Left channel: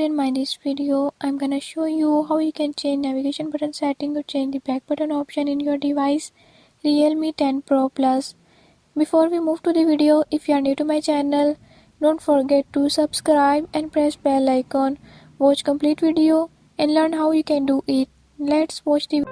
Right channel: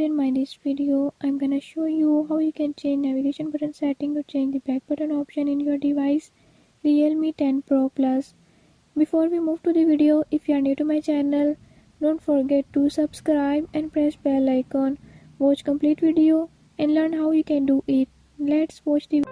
today in my this video I'm gonna show you how you can change navigation button setting or change the back button option in your device Realme 10 Pro Plus. Before we move to the video, if you are new to my channel, don't forget to subscribe and press bell icon. Watch complete video and learn how you can do it. Let's watch the